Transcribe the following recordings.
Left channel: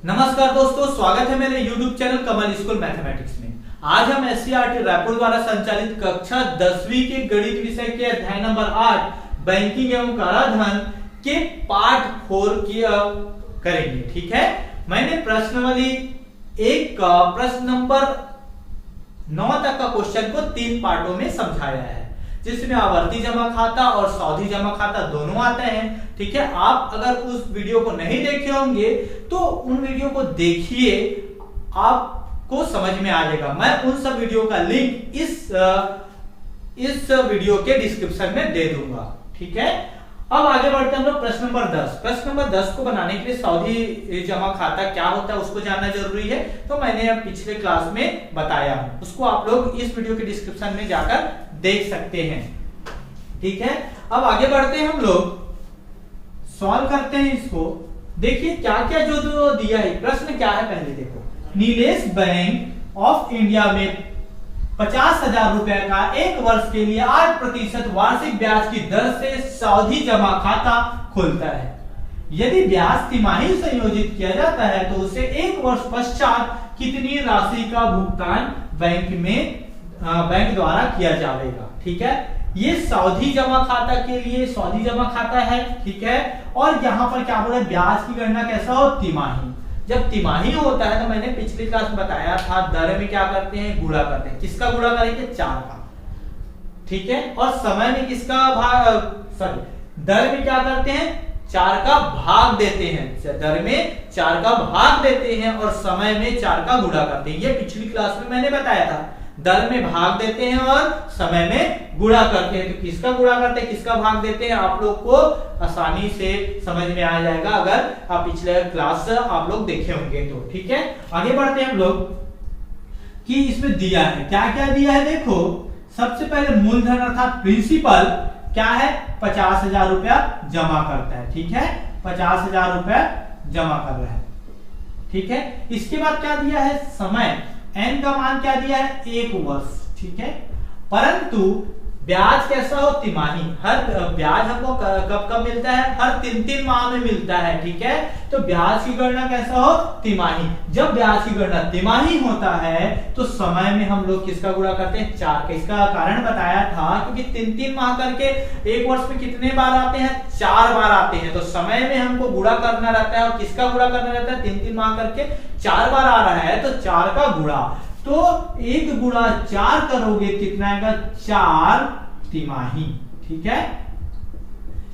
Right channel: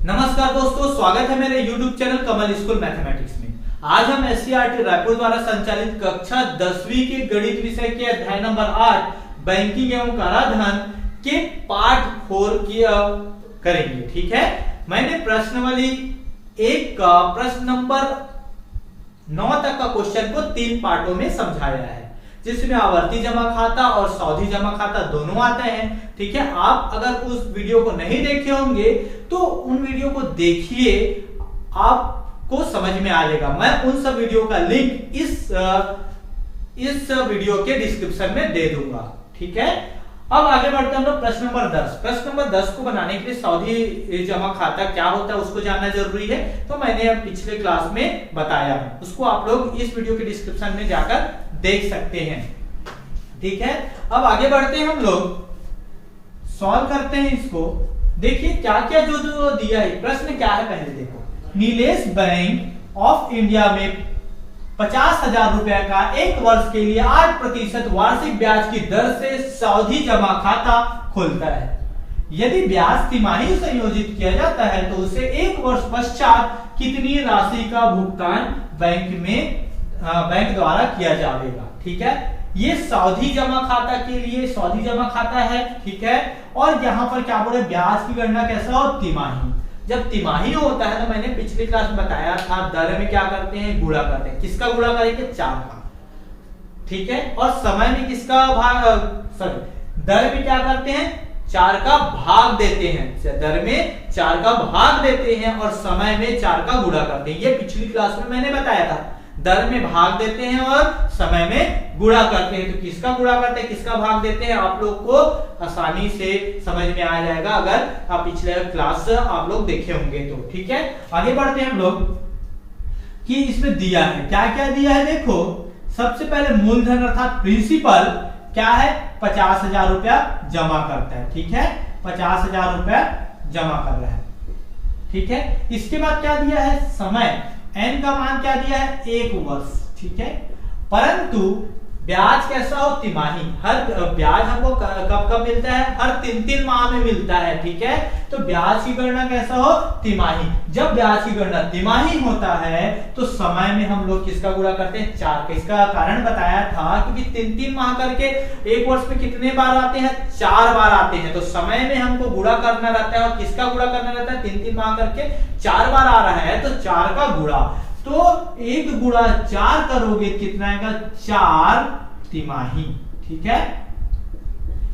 नमस्कार दोस्तों, स्वागत है मेरे YouTube चैनल कमल स्कूल मैथमेटिक्स में। आज हम एससीईआरटी रायपुर द्वारा संचालित कक्षा 10वीं के गणित विषय के अध्याय नंबर 8 बैंकिंग एवं कराधान के पार्ट 4 की करेंगे। ठीक है, मैंने प्रश्नावली 1 का प्रश्न नंबर 9 तक का क्वेश्चन को 3 पार्टों में समझाया है, जिसमें आवर्ती जमा खाता और सावधि जमा खाता दोनों आते हैं। ठीक है, आप अगर उस वीडियो को नहीं देखे होंगे तो उन वीडियो को देखिए, आपको समझ में आ जाएगा। मैं उन सब वीडियो का लिंक इस वीडियो के डिस्क्रिप्शन में दे दूंगा। ठीक है, अब आगे बढ़ते हैं हम लोग प्रश्न नंबर 10। प्रश्न नंबर 10 को बनाने के लिए सावधि जमा खाता क्या होता है उसको जानना जरूरी है, तो मैंने पिछले क्लास में बताया है, उसको आप लोग इस वीडियो के डिस्क्रिप्शन में जाकर देख सकते हैं। ठीक है, अब आगे बढ़ते हैं, हम लोग सॉल्व करते हैं इसको। देखिए क्या क्या जो दिया है, प्रश्न क्या है पहले देखो। नीलेश बैंक ऑफ इंडिया में 50,000 रुपए का 1 वर्ष के लिए 8% वार्षिक ब्याज की दर से सावधि जमा खाता खोलता है। यदि ब्याज तिमाही संयोजित किया जाता है तो उसे 1 वर्ष पश्चात कितनी राशि का भुगतान बैंक द्वारा किया जाएगा। ठीक है, ये सावधि जमा खाता के लिए सावधि जमा खाता है। ठीक है, और यहाँ पर क्या बोल रहे हैं, ब्याज की गणना कैसा हो, तिमाही। जब तिमाही होता है तो मैंने पिछली क्लास में बताया था, दर में क्या करते हैं, गुणा करते हैं। किसका गुणा करेंगे, 4 का। ठीक है, और समय में किसका दर में क्या करते हैं, 4 का भाग देते हैं। दर में 4 का भाग देते हैं और समय में 4 का गुणा करते हैं। ये पिछली क्लास में मैंने बताया था, दर में भाग देते हैं और समय में गुणा करते हैं। तो किसका गुणा करते हैं, किसका भाग देते हैं, आप लोग को आसानी से समझ में आ जाएगा अगर आप पिछले क्लास आप लोग देखे होंगे तो। ठीक है, आगे बढ़ते हैं हम लोग कि इसमें दिया है, क्या क्या दिया है देखो। सबसे पहले मूलधन अर्थात प्रिंसिपल क्या है, 50,000 रुपया जमा करता है। ठीक है, 50,000 रुपया जमा कर रहा है। ठीक है, इसके बाद क्या दिया है, समय n का मान क्या दिया है, 1 वर्ष। ठीक है, परंतु ब्याज कैसा हो, तिमाही। हर ब्याज हमको कब कब मिलता है, हर 3-3 माह में मिलता है। ठीक है, तो ब्याज की गणना कैसा हो, तिमाही। जब ब्याज की गणना तिमाही होता है तो समय में हम लोग किसका गुणा करते हैं, 4 का। इसका कारण बताया था क्योंकि 3-3 माह करके 1 वर्ष में कितने बार आते हैं, 4 बार आते हैं। तो समय में हमको गुणा करना रहता है, और किसका गुणा करना रहता है, 3-3 माह करके 4 बार आ रहा है तो 4 का गुणा। तो 1 गुणा 4 करोगे कितना आएगा, 4 तिमाही। ठीक है,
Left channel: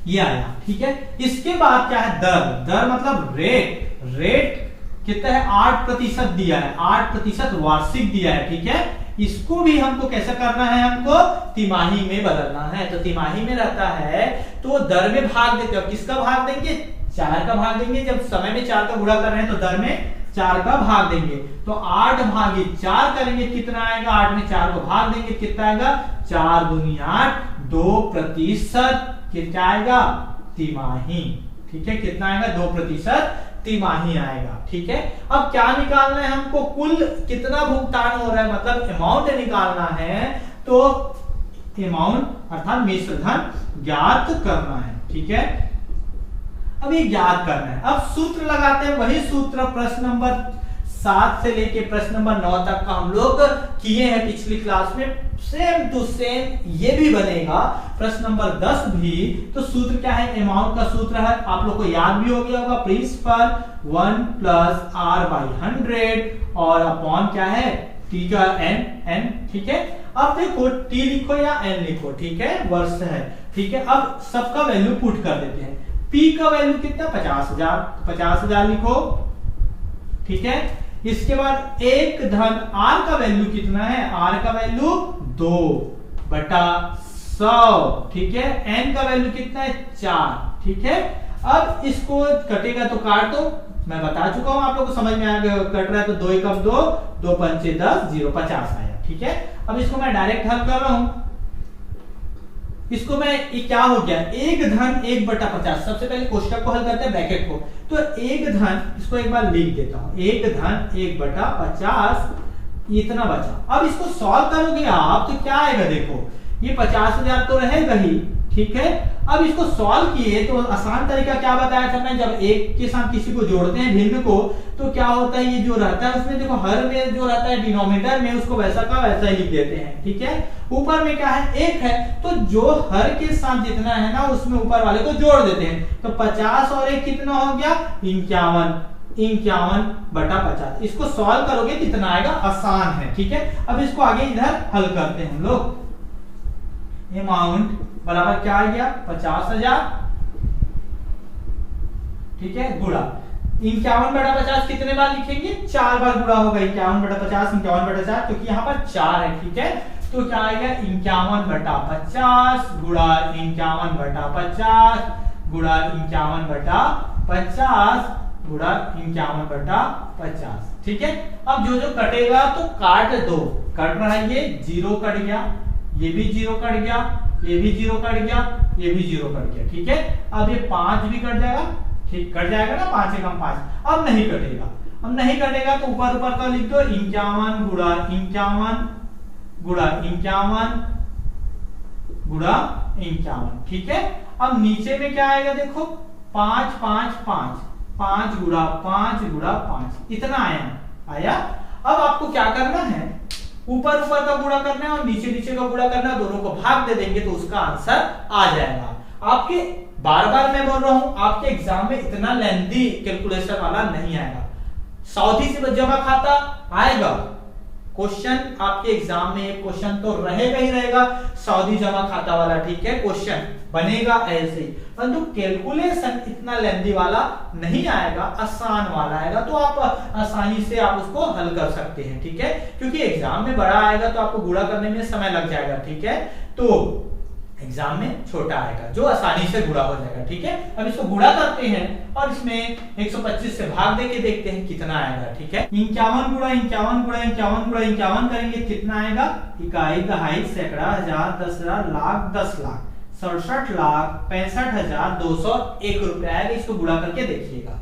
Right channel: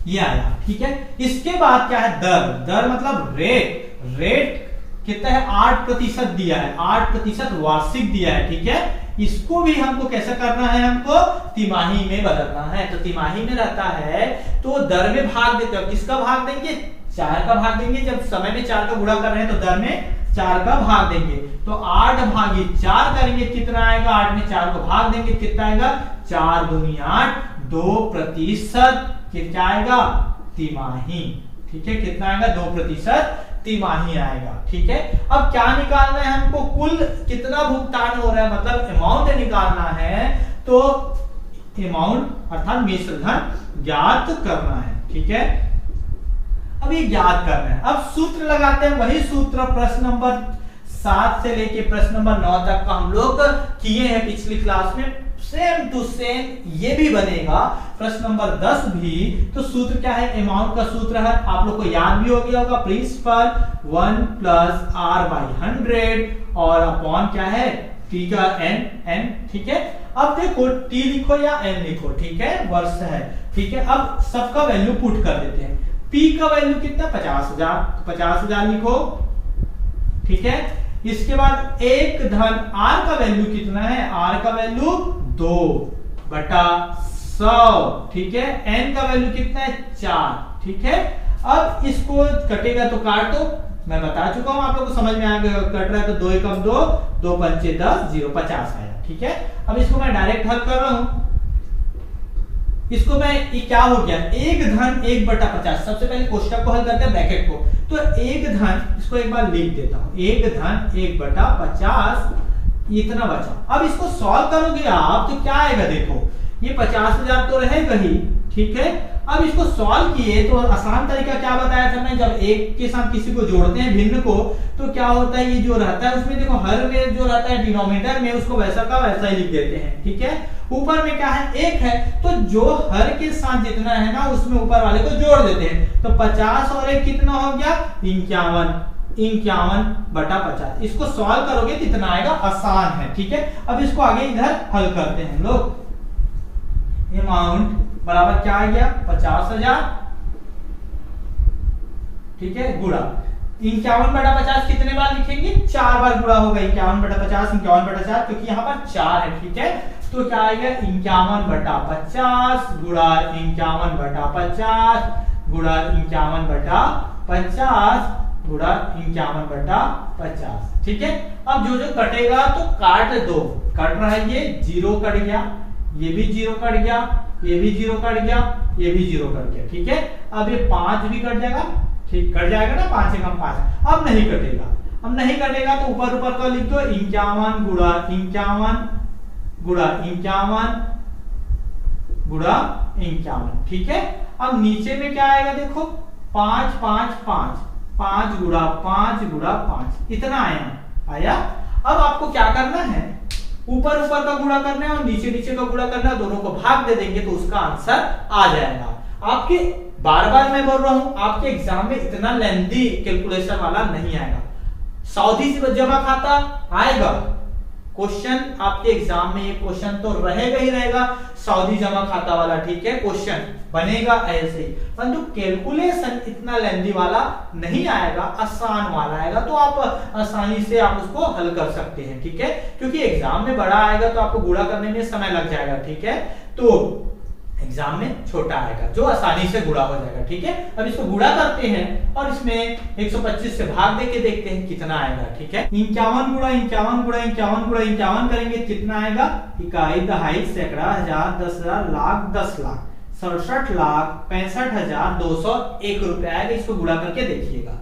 ये आया। ठीक है, इसके बाद क्या है, दर मतलब रेट कितना है, 8% दिया है, 8% वार्षिक दिया है। ठीक है, इसको भी हमको कैसे करना है, हमको तिमाही में बदलना है। तो तिमाही में रहता है तो दर में भाग देते हो, किसका भाग देंगे, 4 का भाग देंगे। जब समय में 4 का गुणा कर रहे हैं तो दर में 4 का भाग देंगे। तो 8 भागे 4 करेंगे, कितना आएगा, 8 में 4 को भाग देंगे, कितना आएगा, 4 दूनी 8, 2% क्या आएगा, तिमाही। ठीक है, कितना आएगा, 2% तिमाही आएगा। ठीक है, अब क्या निकालना है हमको, कुल कितना भुगतान हो रहा है, मतलब अमाउंट निकालना है। तो अमाउंट अर्थात मिश्र धन ज्ञात करना है। ठीक है, अब ये ज्ञात करना है। अब सूत्र लगाते हैं, वही सूत्र प्रश्न नंबर 7 से लेके प्रश्न नंबर 9 तक का हम लोग किए हैं पिछली क्लास में। सेम टू सेम ये भी बनेगा, प्रश्न नंबर 10 भी। तो सूत्र क्या है, अमाउंट का सूत्र है, आप लोग को याद भी हो गया होगा, प्रिंसिपल 1 + r/100 और अपॉन क्या है, t का n। ठीक है, अब देखो t लिखो या n लिखो। ठीक है, वर्ष है। ठीक है, अब सबका वैल्यू पुट कर देते हैं। P का वैल्यू कितना, 50,000, 50,000 लिखो। ठीक है, इसके बाद 1 धन R का वैल्यू कितना है, R का वैल्यू 2/100। ठीक है, N का वैल्यू कितना है, 4। ठीक है, अब इसको कटेगा तो काट दो, मैं बता चुका हूं, आप लोग को समझ में आ गया। कट रहा है तो 2 × 1 = 2, 2 × 5 = 10, 0 50 आया। ठीक है, अब इसको मैं डायरेक्ट हल कर रहा हूं। इसको मैं ये क्या हो गया, 1 धन 1/50। सबसे पहले कोष्टक को हल करते हैं, ब्रैकेट को। तो 1 धन, इसको एक बार लिख देता हूं, 1 धन 1/50 इतना बचा। अब इसको सॉल्व करोगे आप तो क्या आएगा, देखो ये 50,000 तो रहेगा ही, ठीक है। अब इसको सॉल्व किए तो आसान तरीका क्या बताया था मैं, जब एक के साथ किसी को जोड़ते हैं भिन्न को, तो क्या होता है, ये जो रहता है उसमें देखो हर में जो रहता है डिनोमिनेटर में उसको वैसा का वैसा ही लिख देते हैं, ठीक है। ऊपर में क्या है, एक है, तो जो हर के साथ जितना है ना उसमें ऊपर वाले को जोड़ देते हैं। तो 50 और एक कितना हो गया, 51/50। इसको सॉल्व करोगे कितना आएगा, आसान है, ठीक है। अब इसको आगे इधर हल करते हैं हम लोग। अमाउंट बराबर क्या आ गया, 50,000, ठीक है, गुणा 51/50 कितने बार लिखेंगे, 4 बार गुणा होगा। 51/50 51/4, क्योंकि यहाँ पर 4 है, ठीक है। तो क्या आएगा, 51/50 गुणा 51/50 गुणा 51/50 गुणा 51/50, ठीक है। अब जो जो कटेगा तो काट दो, कट रहा है, ये 0 कट गया, ये भी 0 कट गया, ये भी 0 कट गया, ये भी 0 कट गया, ठीक है। अब ये 5 भी कट जाएगा, ठीक, कट जाएगा ना, 5 से कम 5। अब नहीं कटेगा, अब नहीं कटेगा तो ऊपर का लिख दो, 51 गुणा 51 गुणा 51 गुणा 51, ठीक है। अब नीचे में क्या आएगा, देखो 5 5 5 5 गुणा 5 गुणा 5, इतना आया। अब आपको क्या करना है, ऊपर का गुणा करना है और नीचे का गुणा करना है, दोनों को भाग दे देंगे तो उसका आंसर आ जाएगा। आपके बार बार मैं बोल रहा हूं, आपके एग्जाम में इतना लेंथी कैलकुलेशन वाला नहीं आएगा। सावधि से जमा खाता आएगा क्वेश्चन, आपके एग्जाम में एक क्वेश्चन तो रहेगा ही रहेगा, सावधि जमा खाता वाला, ठीक है, क्वेश्चन बनेगा ऐसे ही। परंतु कैलकुलेशन इतना लेंथी वाला नहीं आएगा, आसान वाला आएगा, तो आप आसानी से आप उसको हल कर सकते हैं, ठीक है। क्योंकि एग्जाम में बड़ा आएगा तो आपको गुणा करने में समय लग जाएगा, ठीक है। तो एग्जाम में छोटा आएगा जो आसानी से गुणा हो जाएगा, ठीक है। अब इसको गुणा करते हैं और इसमें 125 से भाग देके देखते हैं कितना आएगा, ठीक है। 51 गुणा 51 गुणा 51 गुणा 51 करेंगे, कितना आएगा, इकाई, दहाई, सैकड़ा, हजार, 10,000, लाख, 10 लाख, 67,65,201 रुपए आएगा। इसको गुणा करके देखिएगा।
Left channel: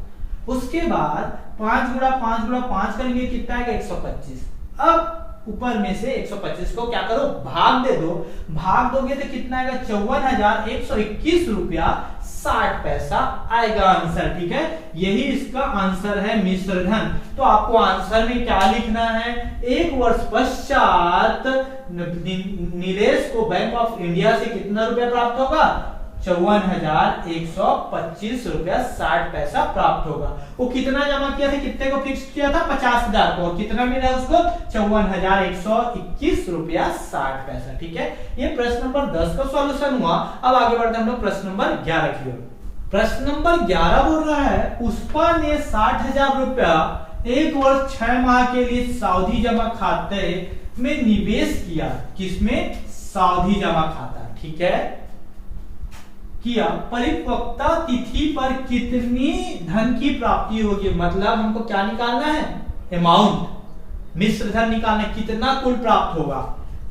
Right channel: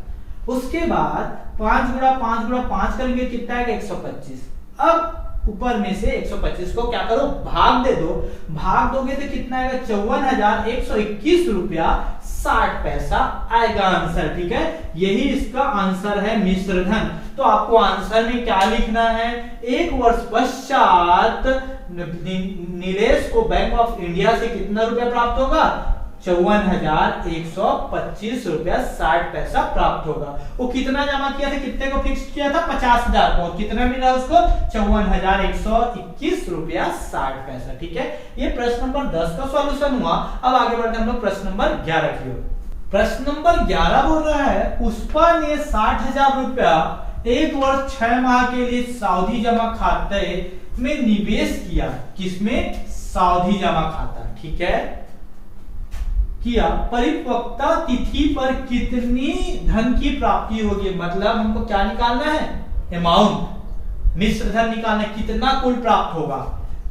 उसके बाद 5 गुणा 5 गुणा 5 करेंगे, कितना आएगा, 125। अब ऊपर में से 125 को क्या करो, भाग दे दो, भाग दोगे तो कितना आएगा, 54,121 रुपया 60 पैसा आएगा आंसर, ठीक है। यही इसका आंसर है मिश्र धन। तो आपको आंसर में क्या लिखना है, 1 वर्ष पश्चात नीलेश को बैंक ऑफ इंडिया से कितना रुपया प्राप्त होगा, 54,125 रुपया 60 पैसा प्राप्त होगा। वो कितना जमा किया था, कितने को फिक्स किया था, 50,000 को, कितना मिला उसको, 54,121 रुपया 60 पैसा, ठीक है। ये प्रश्न नंबर 10 का सॉल्यूशन हुआ। अब आगे बढ़ते हम लोग प्रश्न नंबर 11 की ओर। प्रश्न नंबर 11 बोल रहा है, पुष्पा ने 60,000 रुपया 1 वर्ष 6 माह के लिए सावधि जमा खाते में निवेश किया। किसमें, सावधि जमा खाता, ठीक है, किया। परिपक्वता तिथि पर कितनी धन की प्राप्ति होगी, मतलब हमको क्या निकालना है, अमाउंट, मिश्र धन निकालना है, कितना कुल प्राप्त होगा।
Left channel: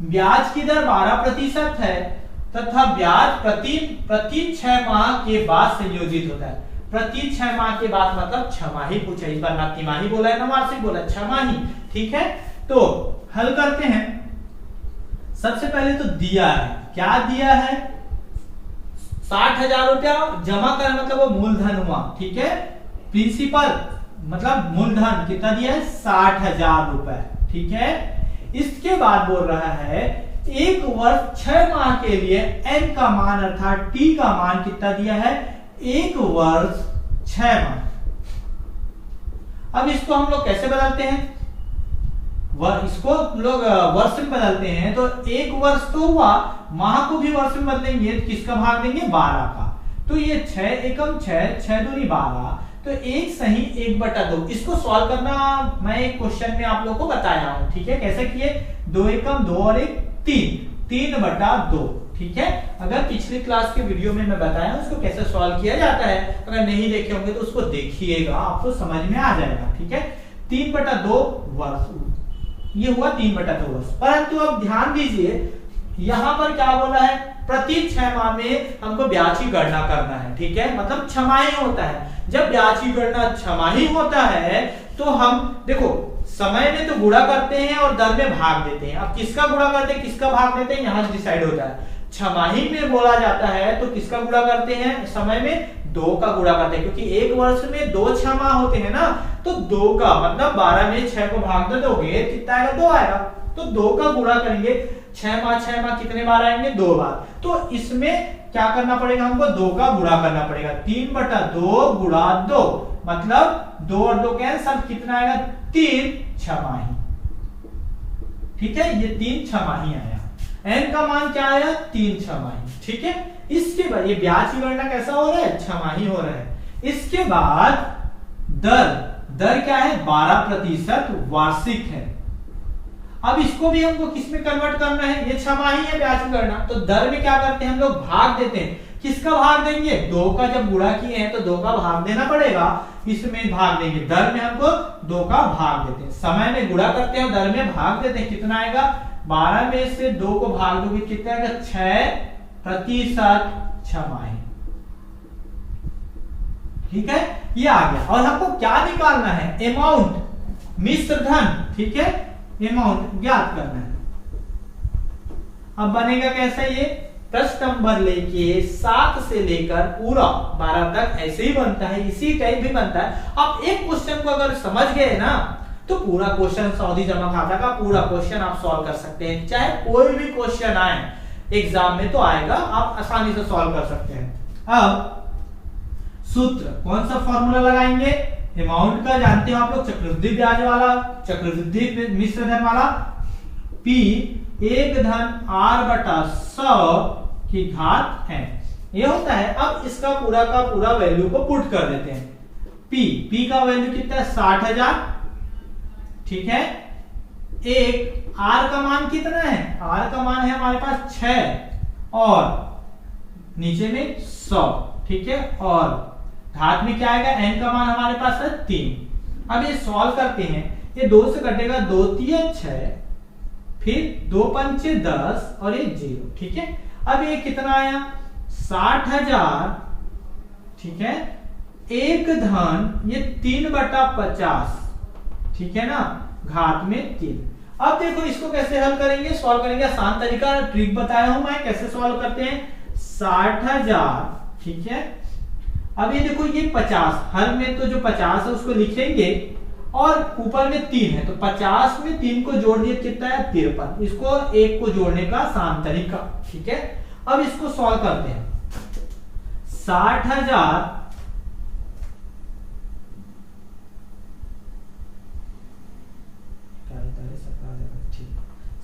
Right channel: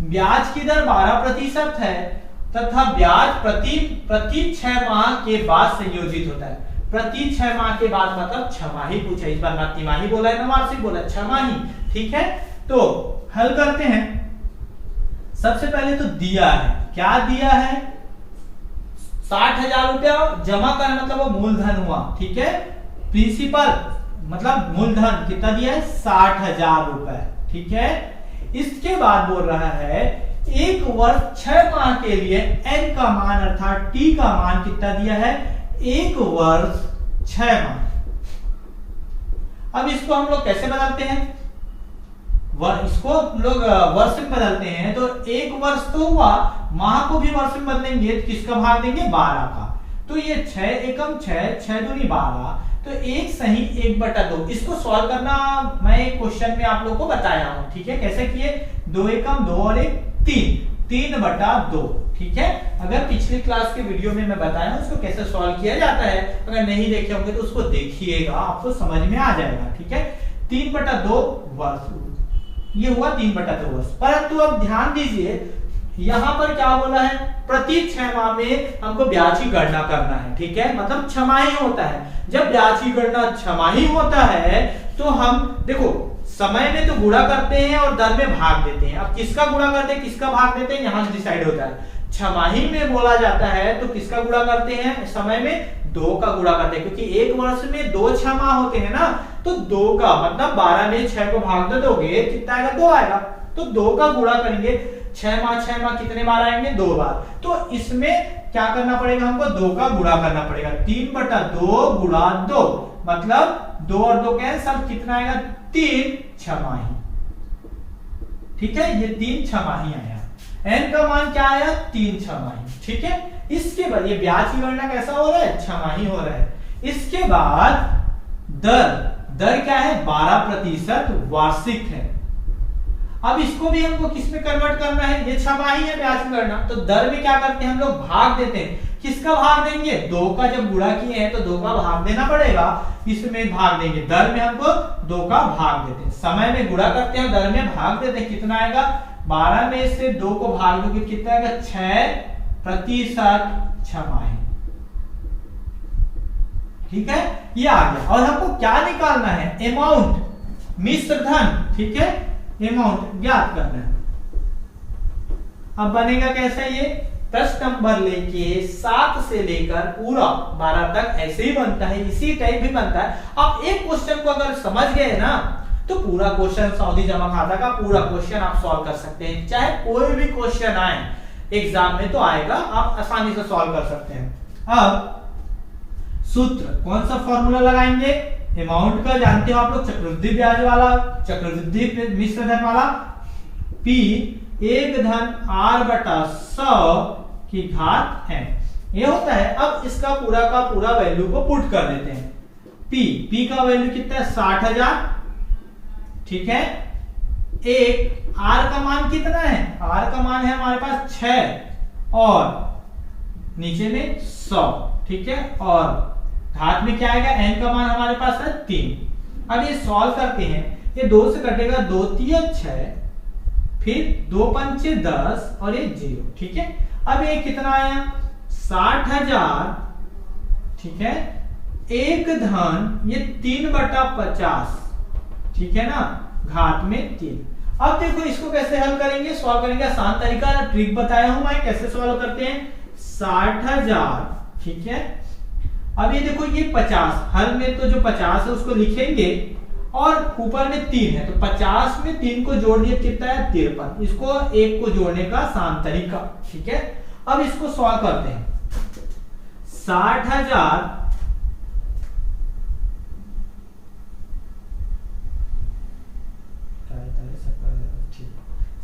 ब्याज की दर 12% है तथा ब्याज प्रति 6 माह के बाद संयोजित होता है। प्रति 6 माह के बाद मतलब 6 माही पूछा, इस बार ना तिमाही बोला है ना वार्षिक बोला है, 6 माही, ठीक है। तो हल करते हैं। सबसे पहले तो दिया है, क्या दिया है, 60,000 रुपया जमा कर, मतलब वो मूलधन हुआ, ठीक है। प्रिंसिपल मतलब मूलधन कितना दिया है, 60,000 रुपए, ठीक है। इसके बाद बोल रहा है 1 वर्ष 6 माह के लिए n का मान अर्थात t का मान कितना दिया है, 1 वर्ष 6 माह। अब इसको हम लोग कैसे बदलते हैं, इसको लोग वर्ष में बदलते हैं। तो 1 वर्ष तो हुआ, माह को भी वर्ष में बदलेंगे, किसका भाग देंगे, 12 का। तो ये 6 एकम 6, 6 दूनी 12, तो 1 सही 1/2। इसको सॉल्व करना मैं एक क्वेश्चन में आप लोग को बताया हूं, ठीक है। कैसे किए, 2 एकम 2 और 1 3, 3/2, ठीक है। अगर पिछले क्लास के वीडियो में मैं बताया हूं उसको कैसे सॉल्व किया जाता है, अगर नहीं देखे होंगे तो उसको देखिएगा, आपको समझ में आ जाएगा, ठीक है। 3/2 वर्ष, ये हुआ 3/2 वर्ष। परंतु अब ध्यान दीजिए, यहां पर क्या बोला है, प्रति 6 माह में हमको ब्याज की गणना करना है, ठीक है। मतलब 6 माही होता है। जब ब्याज की गणना 6 माही होता है तो हम देखो समय में तो गुणा करते हैं और दर में भाग देते हैं। अब किसका गुणा करते हैं, किसका भाग देते हैं, यहां डिसाइड होता है। छमाही में बोला जाता है तो किसका गुणा करते हैं समय में? 2 का गुणा करते हैं, क्योंकि एक वर्ष में 2 छमाह होते हैं ना, तो 2 का मतलब 12 में 6 को भाग दे दोगे कितना आएगा? 2 आएगा। तो 2 का गुणा करेंगे, 6 माह कितने बार आएंगे? 2 बार। तो इसमें क्या करना पड़ेगा हमको? 2 का गुणा करना पड़ेगा। 3/2 गुणा 2 मतलब 2 और 2 कैंसल, कितना आएगा? 3 छमाही। ठीक है, ये 3 छमाही आया। n का मान क्या आया? 3 छमाही। ठीक है, इसके बाद ये ब्याज की गणना कैसा हो रहा है? छमाही हो रहा है। इसके बाद दर क्या है? 12% वार्षिक है। अब इसको भी हमको किस में कन्वर्ट करना है? ये छमाही है ब्याज की गणना, तो दर में क्या करते हैं हम लोग? भाग देते हैं। किसका भाग देंगे? 2 का जब गुणा किए हैं तो 2 का भाग देना पड़ेगा, इसमें भाग देंगे। दर में हमको 2 का भाग देते हैं, समय में गुणा करते हैं, दर में भाग देते हैं। कितना आएगा? 12 में से 2 को भाग दोगे कितना आएगा? 6% छमाही। ठीक है, ये आ गया। और हमको क्या निकालना है? अमाउंट, मिश्र धन। ठीक है, अमाउंट ज्ञात करना है। अब बनेगा कैसा? ये 10 नंबर लेके 7 से लेकर पूरा 12 तक ऐसे ही बनता है, इसी टाइप भी बनता है। आप एक क्वेश्चन को अगर समझ गए ना तो पूरा क्वेश्चन सावधि जमा खाता का पूरा क्वेश्चन आप सॉल्व कर सकते हैं। चाहे कोई भी क्वेश्चन आए एग्जाम में तो आएगा, आप आसानी से सॉल्व कर सकते हैं। अब सूत्र कौन सा फॉर्मूला लगाएंगे? अमाउंट का जानते हो आप लोग, चक्रवृद्धि ब्याज वाला, चक्रवृद्धि मिश्र धन वाला। P 1 धन R/100 की घात है, ये होता है। अब इसका पूरा का पूरा वैल्यू को पुट कर देते हैं। P का वैल्यू कितना है? 60,000। ठीक है, एक R का मान कितना है? R का मान है हमारे पास 6 और नीचे में 100। ठीक है, और घात में क्या आएगा? n का मान हमारे पास है 3। अब ये सॉल्व करते हैं, ये 2 से कटेगा, 2 3 6, फिर 2 5 10 और ये 0। ठीक है, अब ये कितना आया? 60,000। ठीक है, एक धन ये 3/50। ठीक है ना, घात में 3। अब देखो इसको कैसे हल करेंगे, सॉल्व करेंगे। आसान तरीका ट्रिक बताया हूं मैं, कैसे सॉल्व करते हैं। 60,000। ठीक है, अब ये देखो ये 50, हर में तो जो 50 है उसको लिखेंगे और ऊपर में 3 है, तो 50 में 3 को जोड़ दिए कितना है? 53। इसको 1 को जोड़ने का आसान तरीका। ठीक है, अब इसको सॉल्व करते हैं। 60,000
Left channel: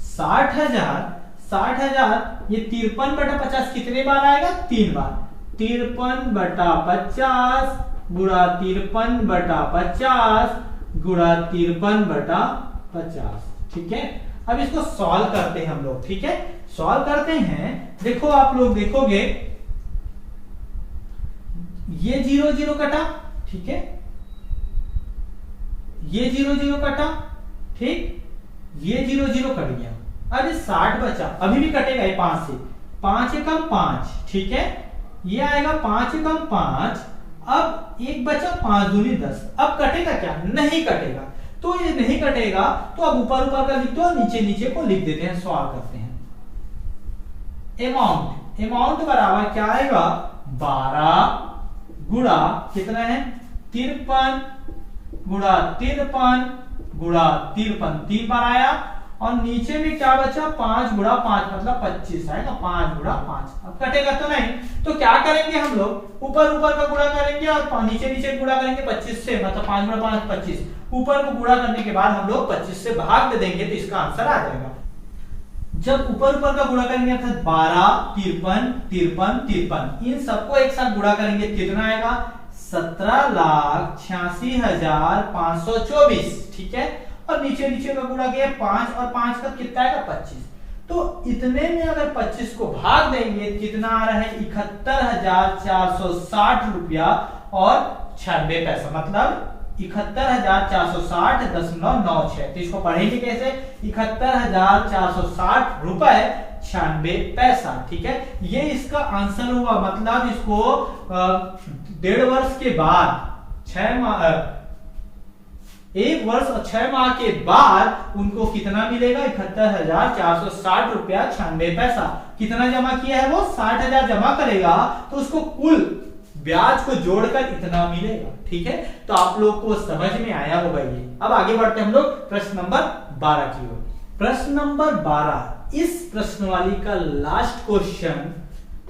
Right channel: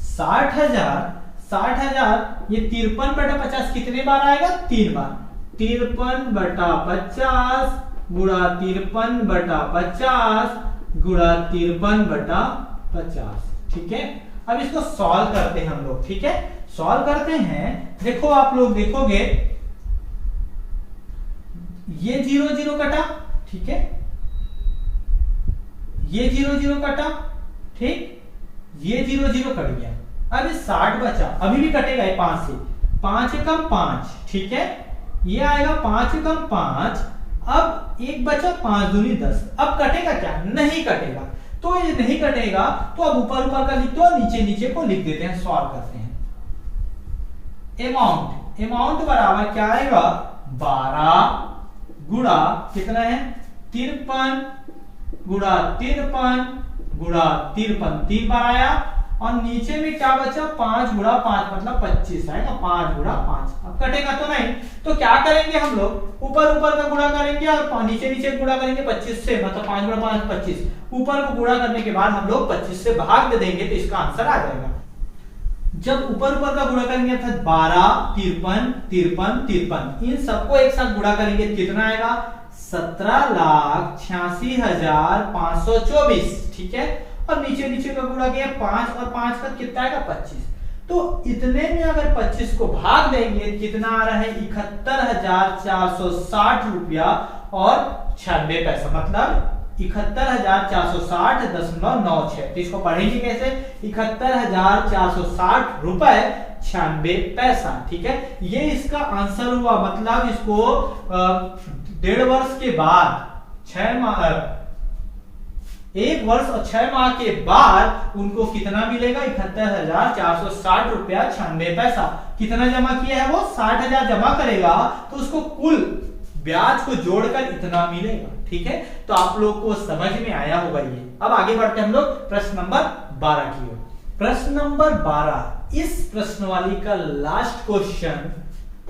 60,000 ये 53/50 कितने बार आएगा? 3 बार। 53/50 गुणा 53/50 गुणा 53/50। ठीक है, अब इसको सॉल्व करते हैं हम लोग। ठीक है, सॉल्व करते हैं। देखो आप लोग देखोगे ये 0 0 कटा। ठीक है, ये 0 0 कटा। ठीक, ये 0 0 कट गया। अब ये 60 बचा, अभी भी कटेगा ये 5 से। 5 एकम 5। ठीक है, ये आएगा 5 एकम 5। अब एक बचा, 5 दूनी 10। अब कटेगा क्या? नहीं कटेगा। तो ये नहीं कटेगा तो अब ऊपर ऊपर का लिख दो, नीचे नीचे को लिख देते हैं, सॉल्व करते हैं। अमाउंट बराबर क्या आएगा? 12 गुणा कितना है? 53 गुणा 53 गुणा 53, 3 बार आया। और नीचे में क्या बचा? 5 गुणा 5 मतलब 25 आएगा। 5 गुणा 5, अब कटेगा तो नहीं, तो क्या करेंगे हम लोग? ऊपर ऊपर का गुणा करेंगे और नीचे नीचे गुणा करेंगे 25 से, मतलब 5 गुणा 5 25। ऊपर को गुणा करने के बाद हम लोग 25 से भाग दे देंगे तो इसका आंसर आ जाएगा। जब ऊपर ऊपर का गुणा करेंगे अर्थात 12 53 53 53, इन सबको एक साथ गुणा करेंगे कितना आएगा? 17,86,524। ठीक है, और नीचे नीचे का गुणा किया 5 और 5 का कितना आएगा? 25। तो इतने में अगर 25 को भाग देंगे कितना आ रहा है? 71,460 रुपया और 96 पैसा, मतलब 71,460.96। तो इसको पढ़ेंगे कैसे? 71,460 रुपए 96 पैसा। ठीक है, ये इसका आंसर हुआ। मतलब इसको 1.5 वर्ष के बाद 6 माह 1 वर्ष और 6 माह के बाद उनको कितना मिलेगा? 71,460 रुपया 96 पैसा। कितना जमा किया है वो? 60,000 जमा करेगा तो उसको कुल ब्याज को जोड़कर इतना मिलेगा। ठीक है, तो आप लोग को समझ में आया होगा ये। अब आगे बढ़ते हैं हम लोग प्रश्न नंबर 12 की ओर। प्रश्न नंबर 12 इस प्रश्नवाली का लास्ट क्वेश्चन।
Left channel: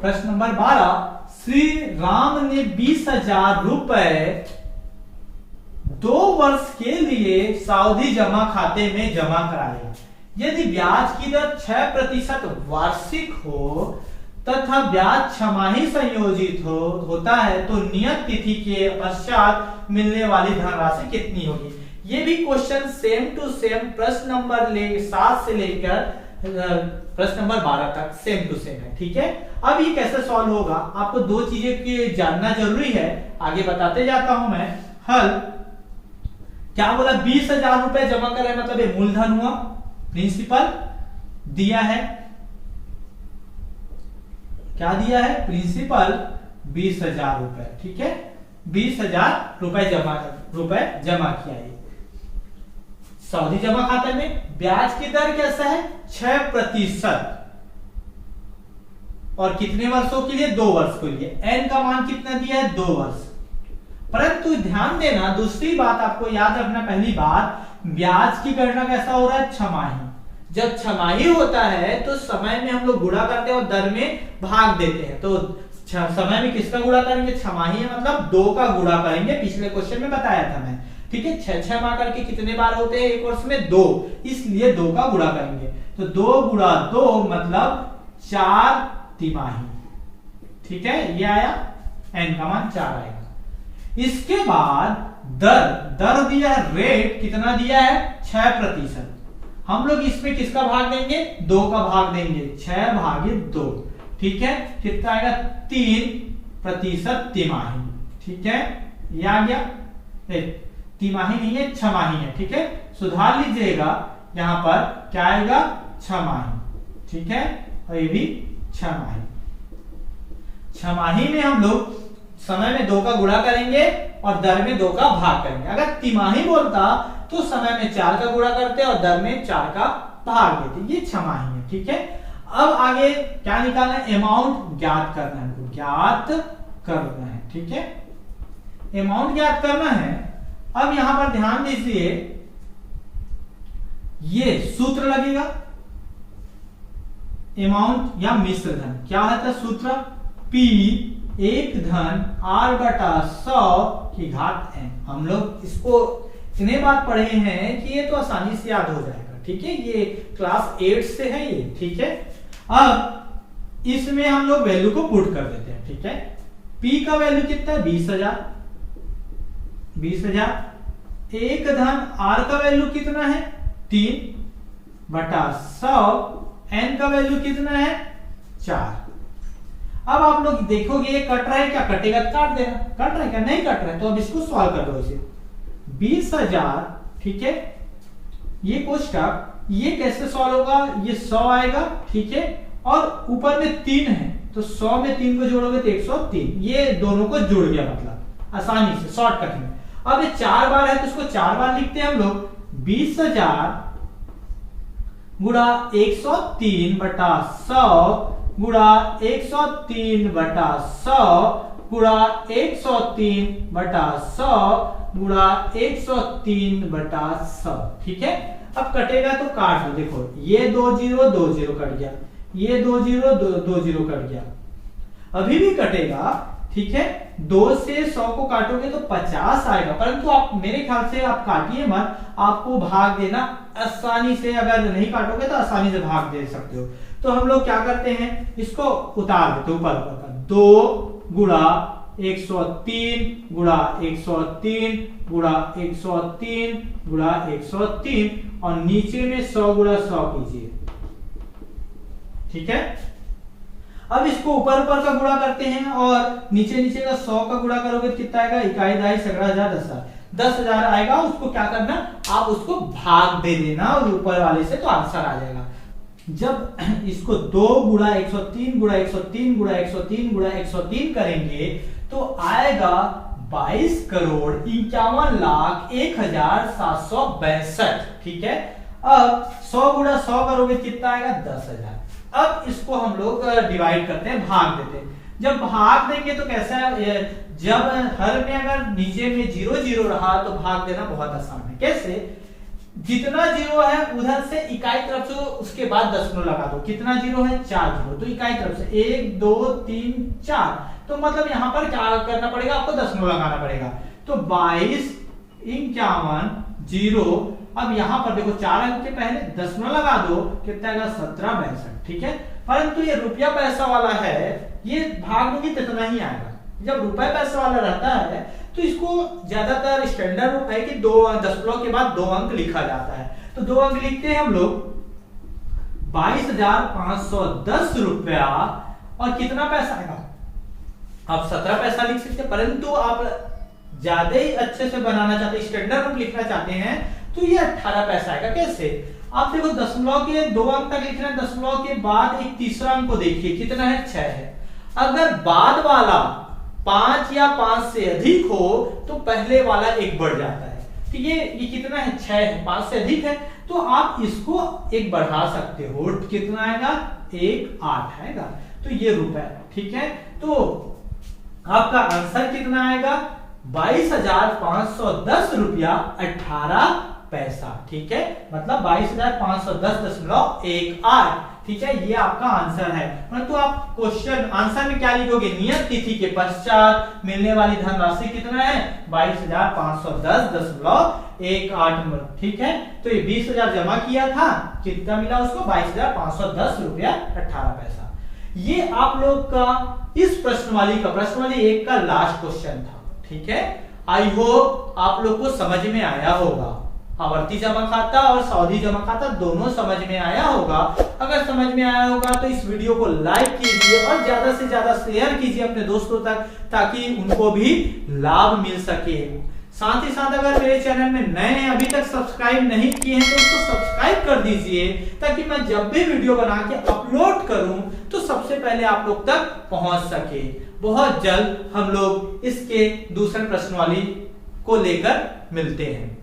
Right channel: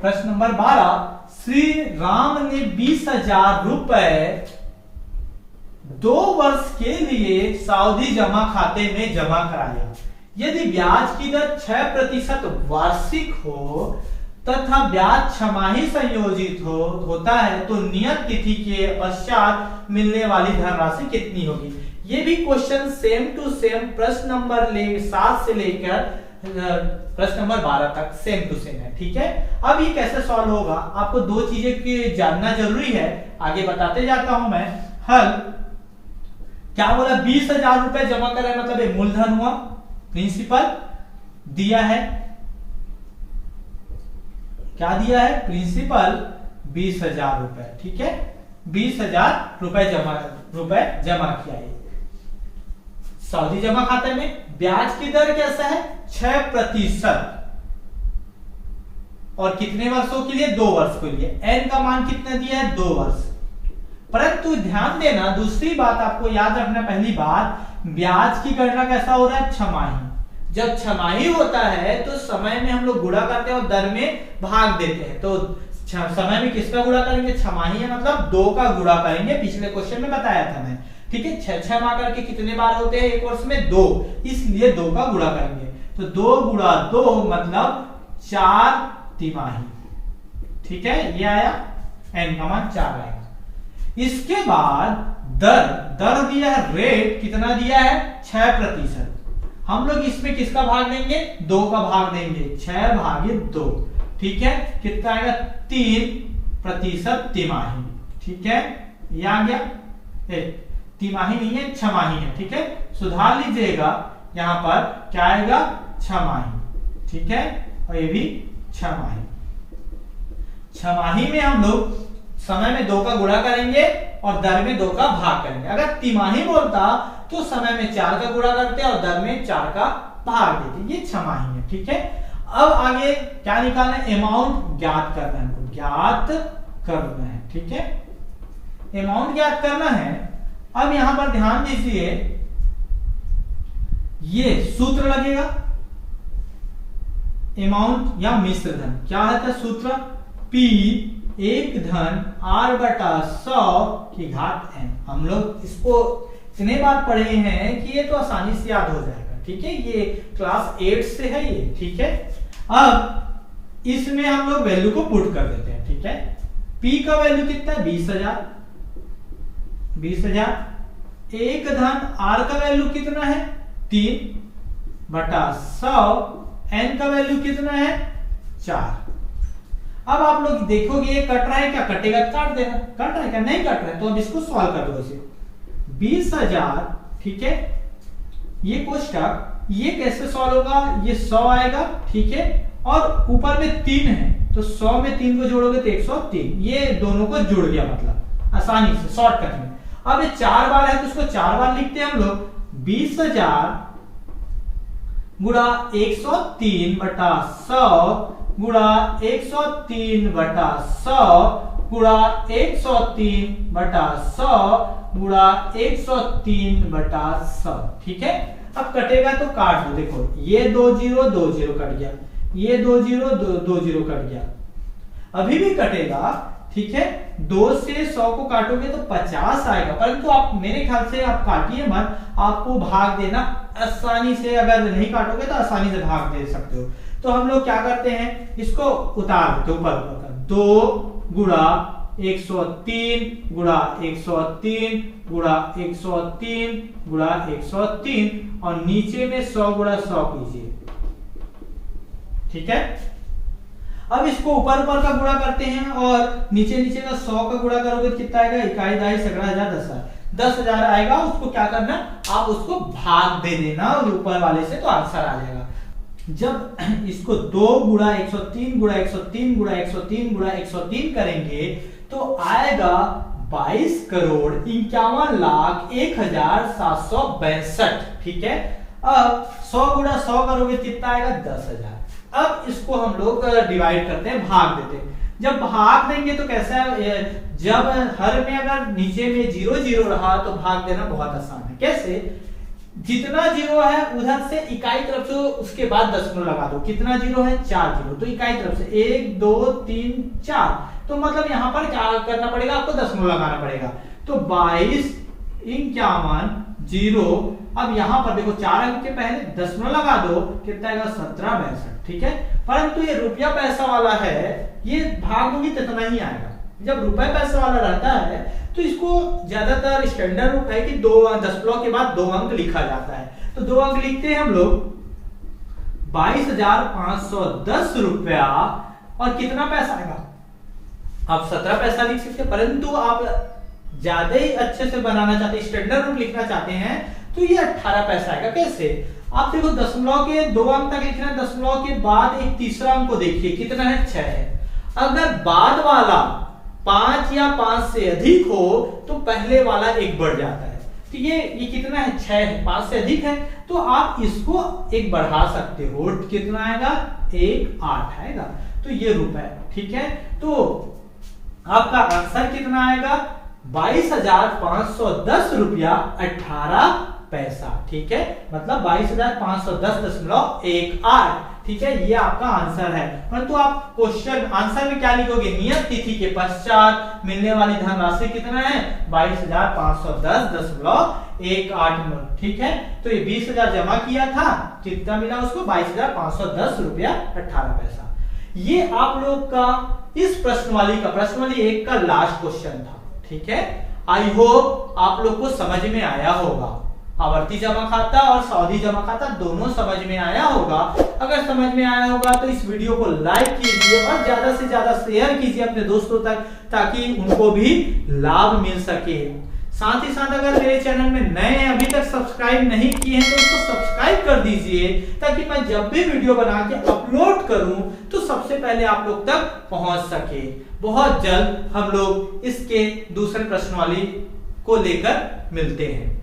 प्रश्न नंबर 12, श्री राम ने 20,000 रुपए 2 वर्ष के लिए सावधि जमा खाते में जमा कराया। यदि ब्याज की दर 6% वार्षिक हो तथा ब्याज छमाही संयोजित होता है तो नियत तिथि के पश्चात मिलने वाली धनराशि कितनी होगी? ये भी क्वेश्चन सेम टू सेम प्रश्न नंबर 7 से लेकर प्रश्न नंबर 12 तक सेम टू सेम है। ठीक है, अब ये कैसे सॉल्व होगा? आपको 2 चीजें की जानना जरूरी है, आगे बताते जाता हूं मैं। हल क्या बोला? 20,000 रुपए जमा करें, मतलब ये मूलधन हुआ, प्रिंसिपल दिया है। क्या दिया है? प्रिंसिपल 20,000 रुपए। ठीक है, 20,000 रुपए जमा किया है सावधि जमा खाते में। ब्याज की दर कैसा है? 6%। और कितने वर्षों के लिए? 2 वर्ष के लिए। एन का मान कितना दिया है? 2 वर्ष। परंतु ध्यान देना, दूसरी बात आपको याद रखना, पहली बात, ब्याज की गणना कैसा हो रहा है? छमाही। जब छमाही होता है तो समय में हम लोग गुणा करते हैं और दर में भाग देते हैं। तो समय में किसका गुणा करेंगे? छमाही है, मतलब 2 का गुणा करेंगे। पिछले क्वेश्चन में बताया था मैं। ठीक है, 6 माह करके कितने बार होते हैं एक वर्ष में? 2, इसलिए 2 का गुणा करेंगे। तो 2 गुणा 2 मतलब 4 तिमाही। ठीक है, ये आया, एन का मान 4 आएगा। इसके बाद दर दिया है, रेट कितना दिया है? 6%। हम लोग इसमें किसका भाग देंगे? 2 का भाग देंगे, 6 भागे 2। ठीक है, कितना आएगा? 3% तिमाही। ठीक है, ये आ गया। तिमाही नहीं है, छमाही है। ठीक है, सुधार लीजिएगा, यहां पर क्या आएगा? छमाही। ठीक है, और ये भी छमाही। छमाही में हम लोग समय में 2 का गुणा करेंगे और दर में 2 का भाग करेंगे। अगर तिमाही बोलता तो समय में 4 का गुणा करते और दर में 4 का भाग देते। ये छमाही है। ठीक है, अब आगे क्या निकालना है? अमाउंट ज्ञात करना है, ज्ञात करना है। ठीक है, अमाउंट ज्ञात करना है। अब यहां पर ध्यान दीजिए, ये सूत्र लगेगा, अमाउंट या मिश्र धन। क्या है सूत्र? P 1 धन R/100 की घात n। हम लोग इसको इतने बार पढ़े हैं कि ये तो आसानी से याद हो जाएगा। ठीक है, ये क्लास 8 से है ये। ठीक है, अब इसमें हम लोग वैल्यू को पुट कर देते हैं। ठीक है, P का वैल्यू कितना है? 20,000। 20,000 1 धन R का वैल्यू कितना है? 3/100। n का वैल्यू कितना है? 4। अब आप लोग देखोगे ये कट रहा है, क्या कटेगा? काट देना। कट रहा है क्या? नहीं कट रहा है, तो अब इसको सॉल्व कर दो। इसे 20,000। ठीक है, ये कोष्टक ये कैसे सॉल्व होगा? ये 100 आएगा। ठीक है, और ऊपर में 3 है तो 100 में 3 को जोड़ोगे तो 103। ये दोनों को जुड़ गया, मतलब आसानी से शॉर्टकट में। अब ये 4 बार है तो इसको 4 बार लिखते हैं हम लोग। 20,000 गुणा 103/100 गुणा 103/100 गुणा 103/100 गुणा 103/100। ठीक है, अब कटेगा तो काट दो। देखो, ये 2 0 2 0 कट गया, ये 2 0 2 0 कट गया, अभी भी कटेगा। ठीक है, 2 से 100 को काटोगे तो 50 आएगा। परंतु आप मेरे ख्याल से आप काटिए मत, आपको भाग देना आसानी से, अगर नहीं काटोगे तो आसानी से भाग दे सकते हो। तो हम लोग क्या करते हैं, इसको उतार देते ऊपर ऊपर। 2 गुणा 103 गुणा 103 गुणा 103 गुणा 103 और नीचे में 100 गुणा 100 कीजिए। ठीक है, अब इसको ऊपर ऊपर का गुणा करते हैं और नीचे नीचे का 100 का गुणा करोगे तो कितना आएगा? इकाई दहाई सैकड़ा हजार 10,000 आएगा। उसको क्या करना, आप उसको भाग दे देना और ऊपर वाले से तो आंसर आ जाएगा। जब इसको 2 गुणा 103 गुणा 103 गुणा 103 गुणा 103 करेंगे तो आएगा 22,51,01,762। ठीक है, अब 100 गुणा 100 करोगे कितना आएगा 10,000। अब इसको हम लोग डिवाइड करते हैं, भाग देते हैं। जब भाग देंगे तो कैसा है, जब हर में अगर नीचे में 0 0 रहा तो भाग देना बहुत आसान है। कैसे, जितना 0 है उधर से इकाई तरफ से उसके बाद दशमलव लगा दो। कितना 0 है, 4 0, तो इकाई तरफ से 1 2 3 4, तो मतलब यहां पर क्या करना पड़ेगा, आपको दशमलव लगाना पड़ेगा। तो 22,51,0। अब यहां पर देखो 4 अंक के पहले दशमलव लगा दो, कितना आएगा 1762। ठीक है, परंतु ये रुपया पैसा वाला है, ये भाग दूंगी तो इतना ही आएगा। जब रुपए पैसा वाला रहता है तो इसको ज्यादातर स्टैंडर्ड रूप है कि दशमलव के बाद 2 अंक लिखा जाता है। तो 2 अंक लिखते हैं हम लोग, 22,510 रुपया और कितना पैसा आएगा, आप 17 पैसा लिख सकते हैं, परंतु आप ज्यादा ही अच्छे से बनाना चाहते हैं, स्टैंडर्ड रूप लिखना चाहते हैं, तो ये 18 पैसा आएगा। कैसे, आप देखो दशमलव के 2 अंक तक लिखना है, दशमलव के बाद एक तीसरा अंक को देखिए कितना है, 6 है। अगर बाद वाला 5 या 5 से अधिक हो तो पहले वाला 1 बढ़ जाता है। तो ये कितना है, 6 है, 5 से अधिक है, तो आप इसको 1 बढ़ा सकते हो। कितना आएगा, 1 8 आएगा। तो ये रुपए, ठीक है, तो आपका आंसर कितना आएगा, 22,510 रुपया 18 पैसा। ठीक है, मतलब 22,510.18। ठीक है, ये आपका आंसर है। परंतु आप क्वेश्चन आंसर में क्या लिखोगे, नियत तिथि के पश्चात मिलने वाली धनराशि कितना है, 22,510.18। ठीक है, तो ये 20,000 जमा किया था, कितना मिला उसको, 22,510 रुपया 18 पैसा। ये आप लोग का इस प्रश्नवाली 1 का लास्ट क्वेश्चन था। ठीक है, आई होप आप लोग को समझ में आया होगा। आवर्ती जमा खाता और सावधि जमा खाता दोनों समझ में आया होगा। अगर समझ में आया होगा तो इस वीडियो को लाइक कीजिए और ज्यादा से ज्यादा शेयर कीजिए अपने दोस्तों तक, ताकि उनको भी लाभ मिल सके। साथ ही साथ अगर मेरे चैनल में नए हैं, अभी तक सब्सक्राइब नहीं किए हैं, तो उसको सब्सक्राइब कर दीजिए, ताकि मैं जब भी वीडियो बना के अपलोड करूं तो सबसे पहले आप लोग तक पहुंच सके। बहुत जल्द हम लोग इसके दूसरे प्रश्नवाली को लेकर मिलते हैं।